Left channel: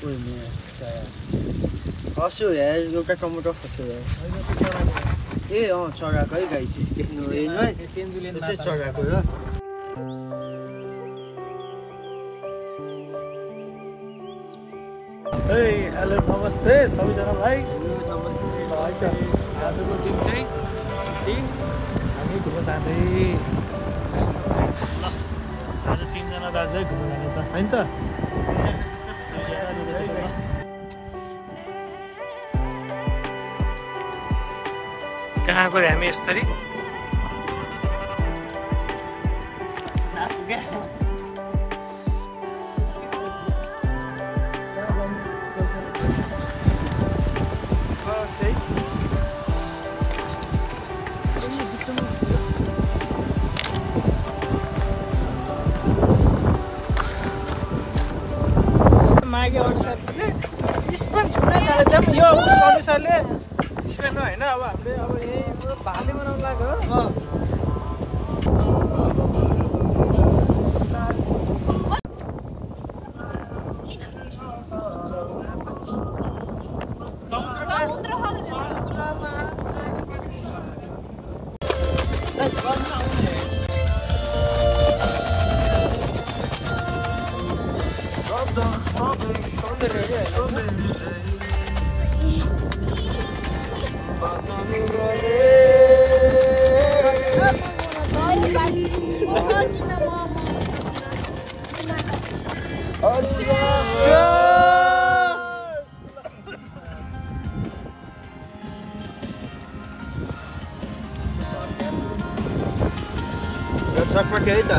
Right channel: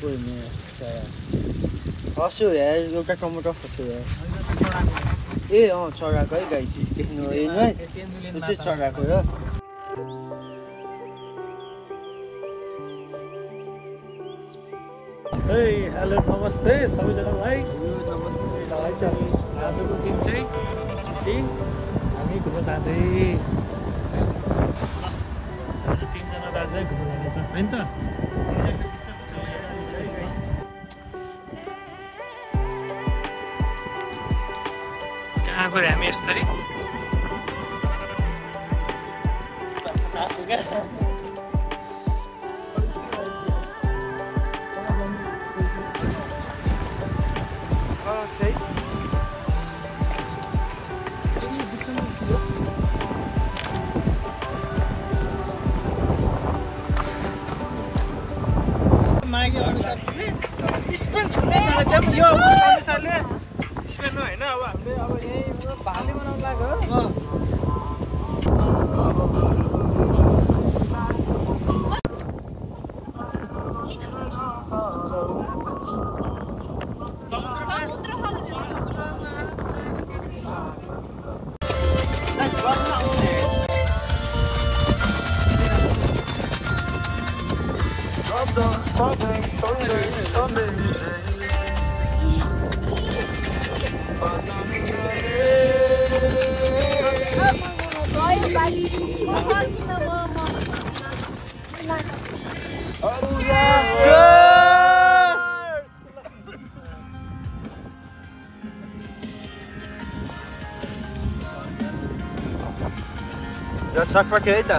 ओइ मेसा हस्यो यार एउटा टमाटर खस्यो यार ए चराको है गाई चिज देख्नु हेर्नु है त्यो चाहिँ चराको र हे हेलो नमस्ते सबैजनालाई नमस्ते है त आजको दिन चाहिँ छुट्टी हामी घुम्न जाँदै आज 3 जना दाजुभाइ घुम्न जाने त हैन त कहाँ गयो हामी यसरी मागे अनुसार स्पोन छुने तर जब यो अनुसारले स्पेन हैन अब हामीले अब यही भाले बनाउन लाग्यो यो चटपट है त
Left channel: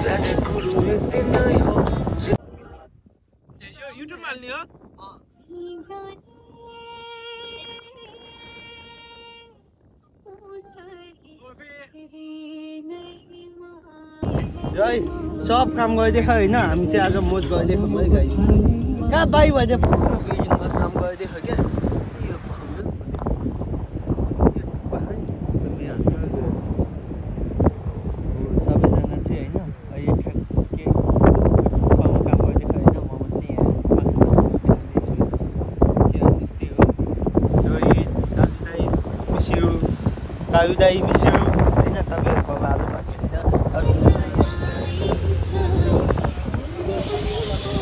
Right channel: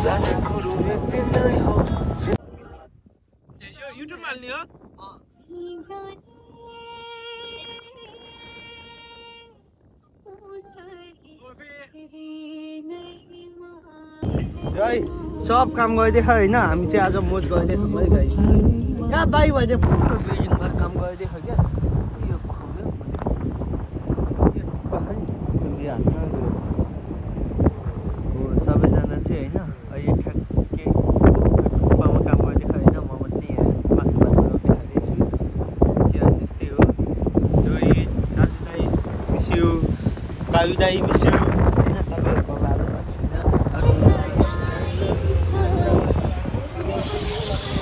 जाने कुरो यति नै हो यो युट्युबमा हाल्ने हो है सब काम गरिदिएको होइन हामी चाहिँ आज मोज गरिदिएको है गाई कहाँ बाई भइदियो काम गरिदिएको क्या सबैजना चाहिँ होइन कालु दाई मिस्यु होइन तपाईँहरूको बाबा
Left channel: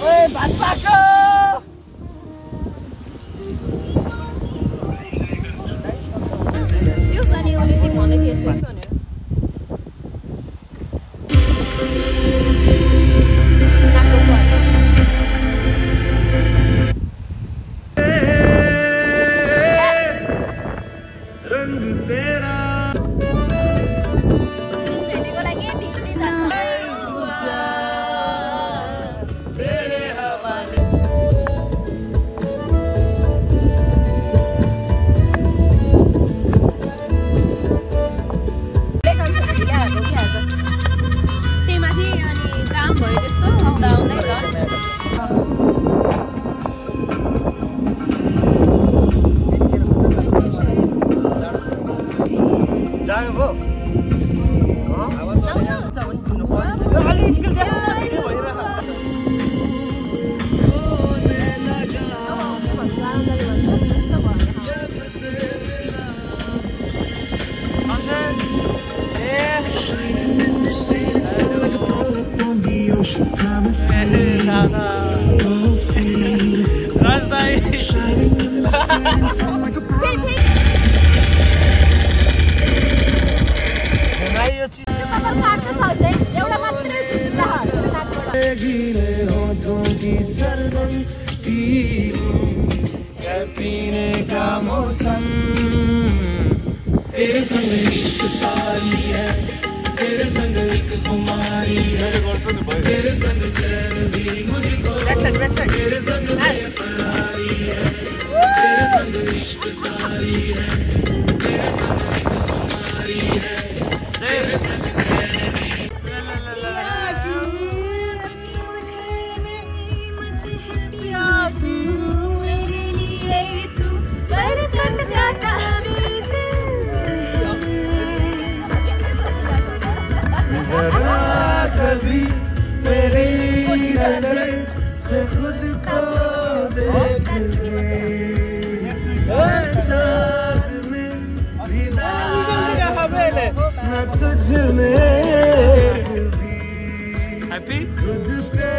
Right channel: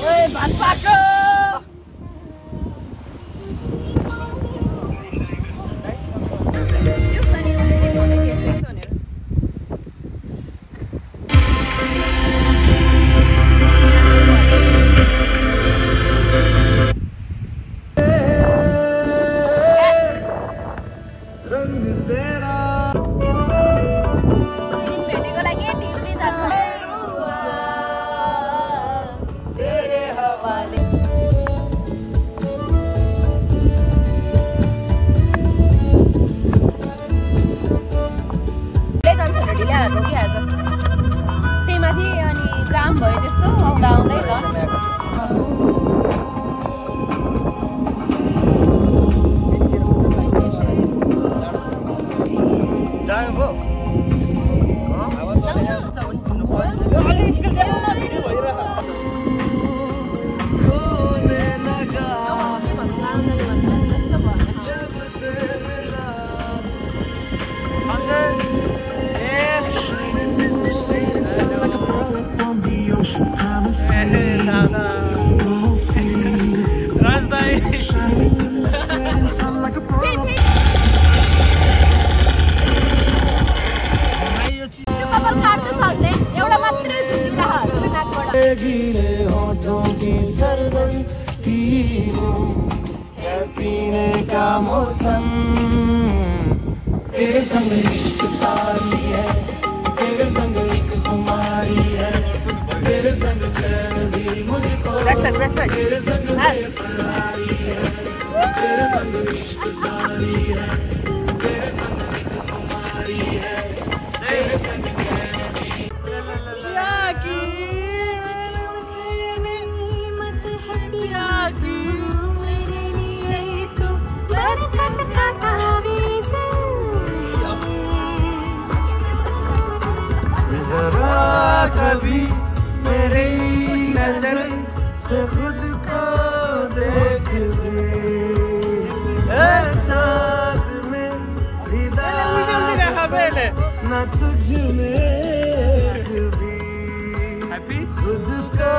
ओए भात पाको त्यो गर्ने उसले चाहिँ भन्दै थियो यस्तो यस्तो भनेर रंग तेरा तेरे संग इश्क तारी है, तेरे संग एक खुमारी है, तेरे संग चैन भी मुझको, तेरे संग बेकरारी है, तेरे संग इश्क तारी है, तेरे संग एक खुमारी है, तेरे संग चैन भी जरा कभी मेरी नजर से खुद को देख ले चाँद में न तुझ में कभी खुद का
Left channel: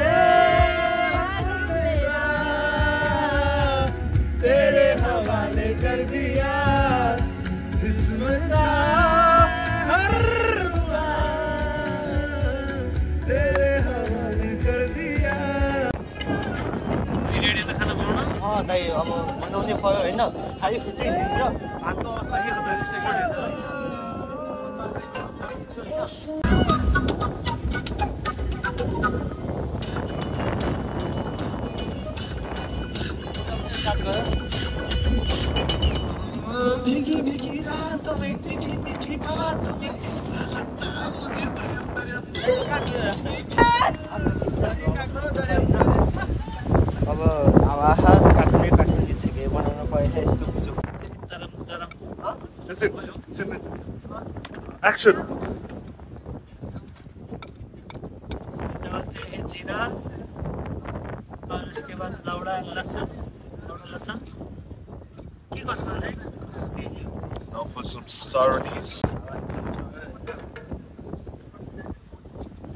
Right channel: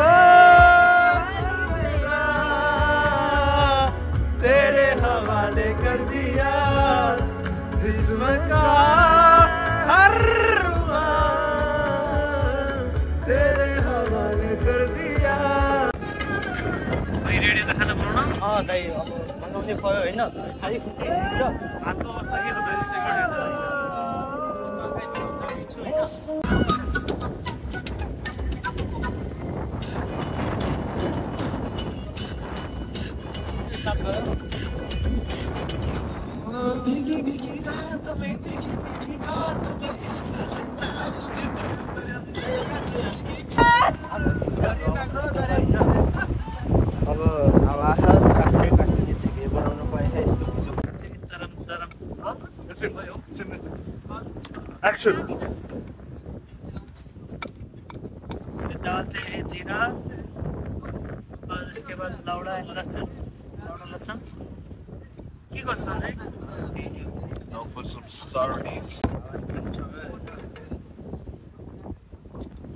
तेरे हवाले कर दिया जिस्म का हर बार तेरे हवाले कर दिया। रेडी त खाना बनाउन दाइ अब बनाउने भयो होइन खालि फुट्दै हातको अवस्था के छ भीगी भीगी रातों में भीगी भीगी बातों में कैसा लगता मुझे अब आँखा काट्दै काट्दै छिटो बनाउन पाएन यस्तो तरम तरम एक्शन इसमें डालते हैं जीरा और उसके बाद लौड़ा लहसुन के कसो सन्जय for some stories.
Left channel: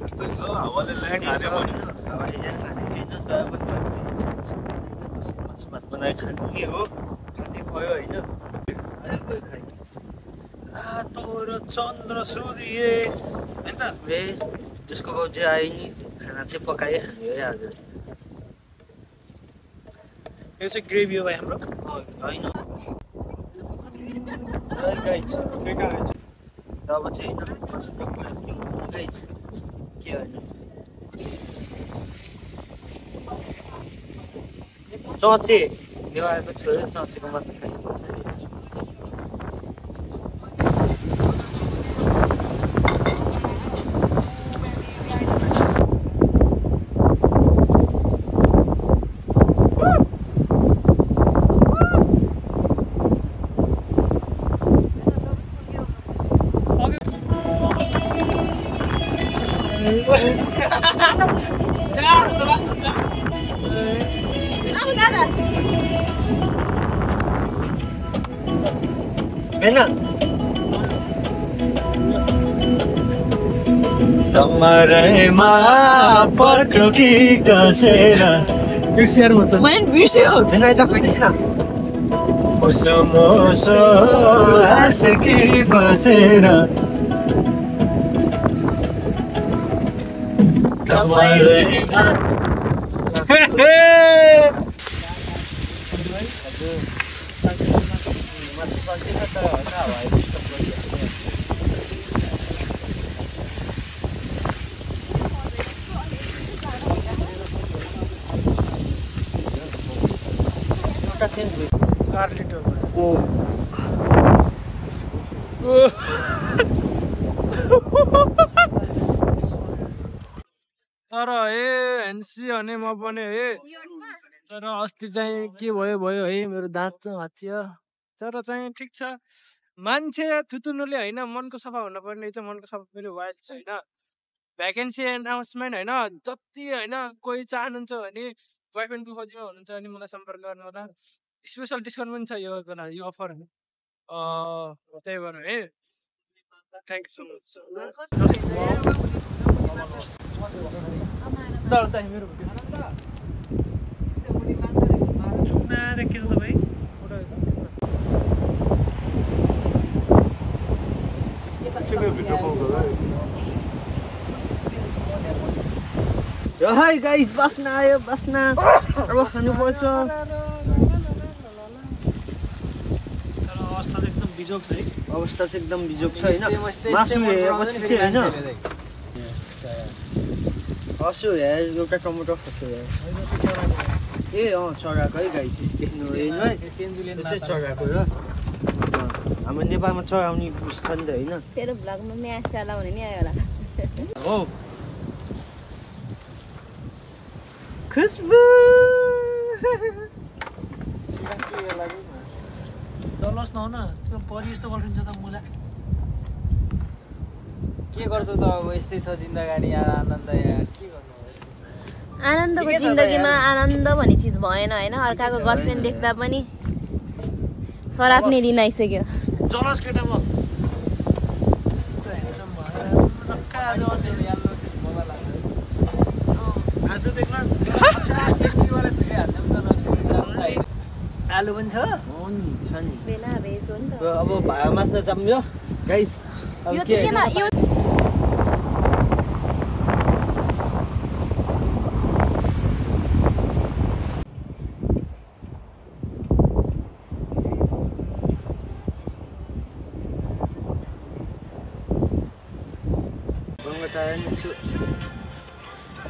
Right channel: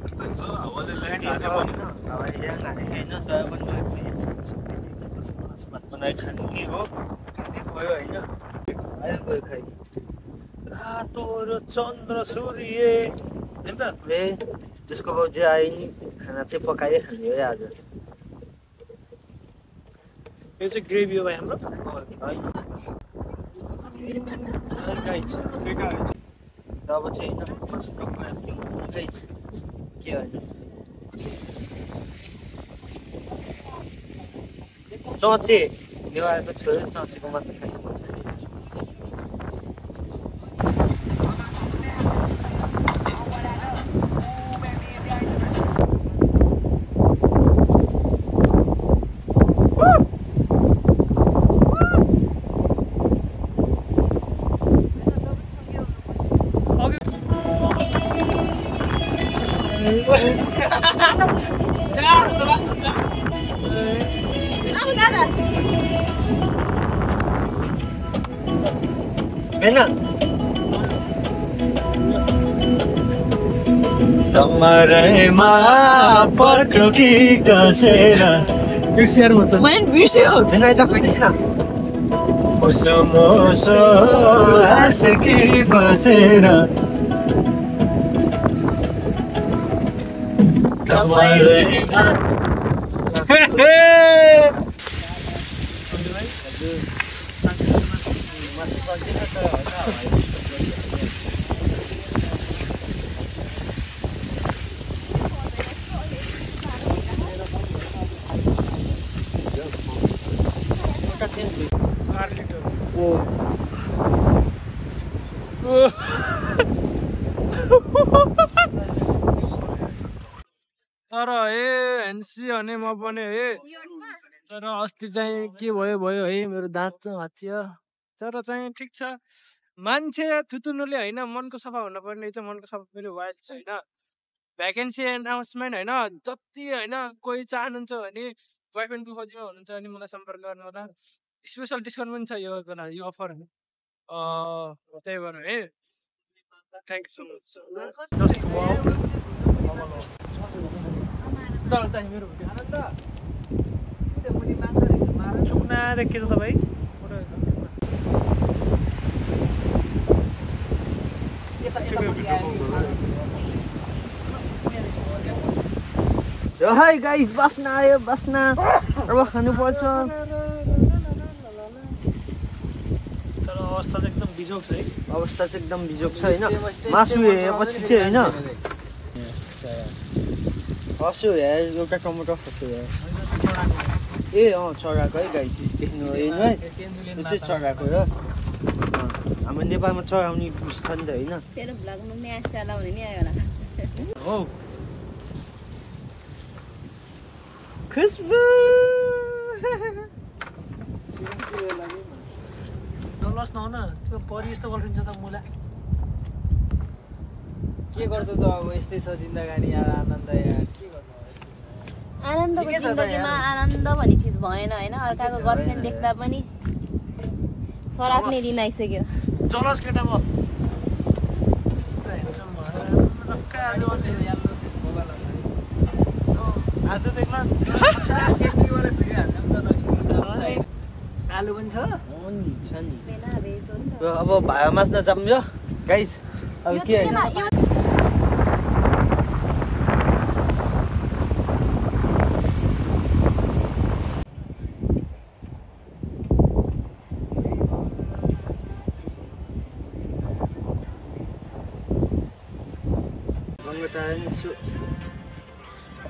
यस्तो छ हावाले ल्याङ हाने पनि हावाले ल्याङ हाने होइन तर पनि मासु भात बनाएर खानु के हो खाने भयो होइन अहिले गयो खै रातो र चन्द्र सूर्य हैन त ए जसको बाउ जे आए नि खाना चाहिँ पकाए खाने है आज यो चाहिँ ग्रेभी हो भाइ हाम्रो होइन गाइज तब चाहिँ होइन मासु पकाएर गाइज के होइन चचे ल्याएको छोयो चचेको मासु खानुपर्छ कमरेमा पटुकी कसेर बिर्सिएर म त मैले बिर्स्यो हैन त पिटिन मोसो मोसो हाँसकी बसेर कमरेमा मासु पक्दैन तर होइन हावाले डिस्टर्ब गरिरहेको चेन्ज भयो गार्लिक ओ तर हे हेन्सी भने म पनि हे तर अस्ति चाहिँ के भयो है मेरो दाँत चाहिँ भाँचियो तर चाहिँ ठिक छ मान्छे थुतुनुले होइन मनको सफा हुन पर्ने चाहिँ मनको सफा फेरि वाइल्ड छ होइन भ्याकेन्सी एनाउन्समेन्ट होइन जति होइन कोही चाहनुहुन्छ भने बोयफ्रेन्डको खोजीमा हुनुहुन्छ भने मलाई सम्पर्क गर्नु होला स्पेसल डिस्काउन्ट पनि छ यो बेला यो अफर त्यही भएर है thank you so much just wow मेरो चुक्ना देखे त तपाईँ हाई गाइस बस्न आयो बस्न अब खानुपर्छ तर अवस्था चाहिँ एकदम बिजोग छ है अवस्था चाहिँ एकदम बिजोग छ होइन मासु हेरेपछि चाहिँ होइन खस्यो हेर एउटा टमाटर खस्यो हेर ए चराको है गाइस देख्नु हेर्नु है त्यो चाहिँ चराको र हाम्रो नेपालमा चराउने बुझ्छ नि त होइन तेरो भ्लगमा म्याच होला भने नि आयो होला हो खुसबु डलर्स नहुन त्यो परि यस्तो गर्नुहुन्छ त मलाई के गर्छौ त अब यस्तै छ जिन्दगानी आनन्द यार के गर्नु आनन्दको जिन्दगीमा आनन्द भन्ने चिज भएन होइन अर्काको गर्लफ्रेन्ड देख्दा पनि सराप्ने दिन आइसक्यो जलस केटा म ह्यान्डसम भएर टक्क आज अन्य आज देख्न आलु पनि छ छ नि बेला भेज हो नि त अब भाया मास्न जम्यो गाइस अब यो के चाहिँ केमा यो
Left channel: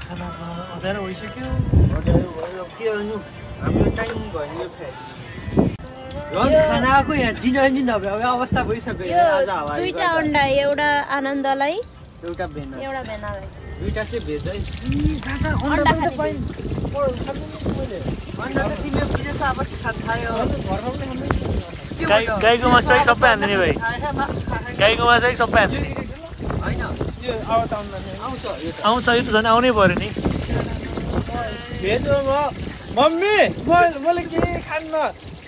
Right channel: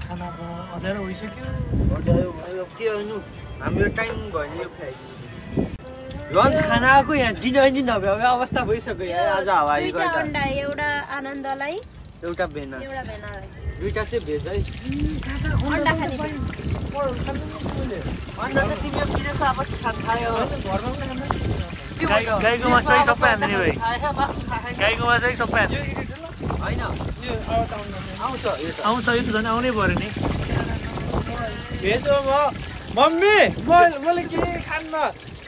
खाना अँध्यारो भइसक्यो के गर्नु हाम्रो टाइम भयो नि यो लन्च खाना आएको यहाँ डिनर नि नभए अवस्था भइसक्यो यहाँ आज हावा दुईटा अन्डा एउटा आनन्दलाई एउटा भेना एउटा भेनालाई दुईटा चाहिँ भेज है अन्डा खाने गाईको मासु है सबै हान्ने नि भाइ गाईको मासु है सबै हान्ने आउँछ यो त झन् आउनै पऱ्यो नि भेज हो मम्मी मैले केही खान्न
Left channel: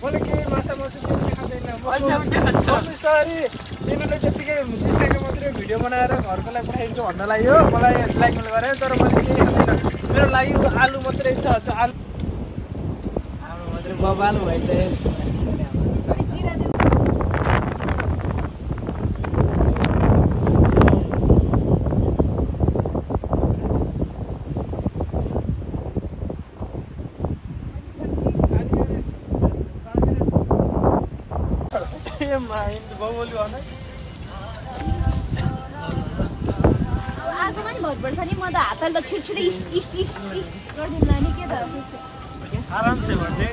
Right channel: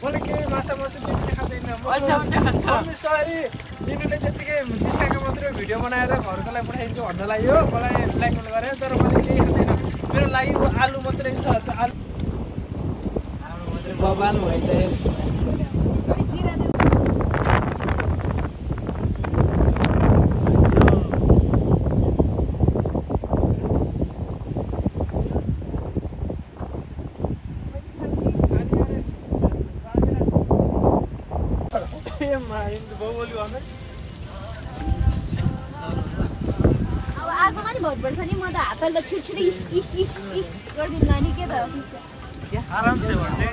मैले केही माछा मासु केही पनि खाँदैन मम्मी सरी तिमीले त्यतिकै जिस्काएको मात्रै भिडियो बनाएर घरको लागि पठाइदिन्छु भन्न लाग्यो मलाई ब्ल्याकमेल गरेँ तर मैले केही खाँदैन मेरो लागि आलु मात्रै छ त्यो आलु मात्रै बबाल भइसक्यो आगोमा नि भर पर्छ नि म त हातले छुटछुटी गरिदिउँला नि के त आराम से भन्ने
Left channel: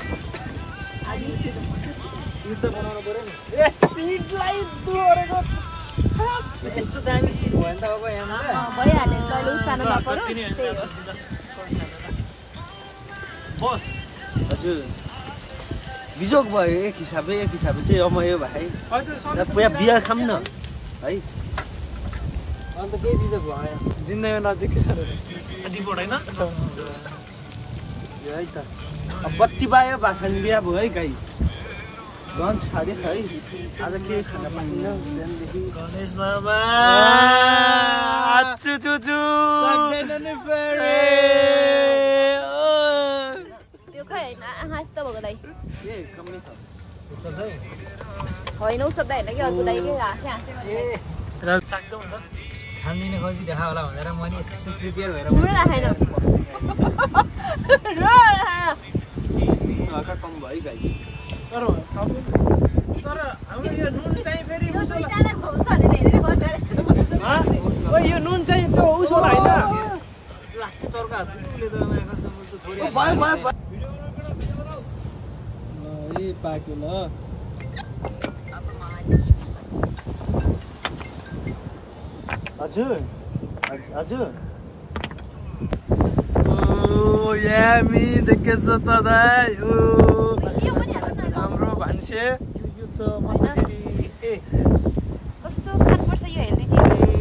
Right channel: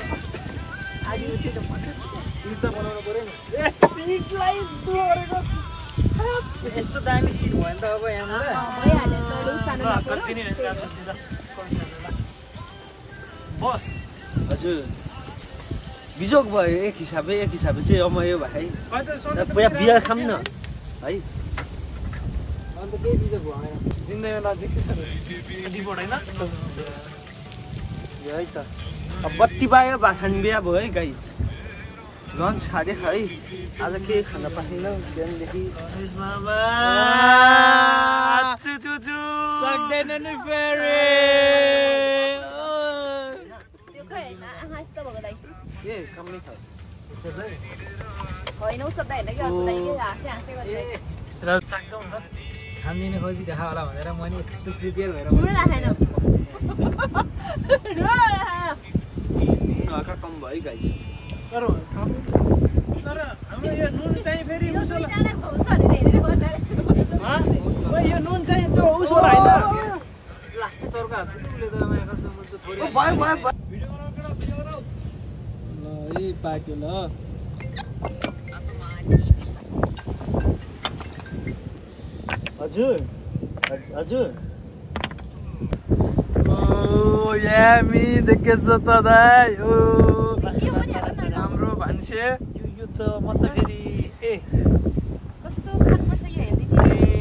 सिट त बनाउनु पर्यो नि सिटलाई तोडेको यस्तो दामी सिट भयो नि त अब यहाँबाट भइहाल्यो कहिले उठाउनु नपर्यो बस हजुर बिजोक भयो एक हिसाबले चाहिँ रमायो भाइ पुरा बियर खाम न है अन्त केही बिजोक भयो जिन्दगीमा नदेखेको रिपोर्ट होइन है त अब बत्ती पायो भाखान बिहा भयो है गाई लन्च खाँदै है आज केही खान पाइँदैन बिहानदेखि गणेश मामा सक्दैन नि फेरि त्यो खै आँखा यस्तो भएको दाइ सक्दै होइन उच्चब्दा होइन कि अर्को दाइ के हाँसे र सक्दो हुन्छ खानदिने खोजी देखा होला भनेर म नि यस्तो प्रिपेयर भएर राखेन हल्का कम भयो गाई तर हाम्रो यो नुन चाहिँ फेरि उसो यो नुन चाहिँ त्यो उसो होइन लास्टै चर्का हाल्छ कि उसले त कस्तो थोरै ए पाक्यो ल हजुर हजुर ओ यामी देखेछ त दाइ ओ हाम्रो भान्से यो त मतलब कस्तो खानुपर्छ यो हेल्दी चिज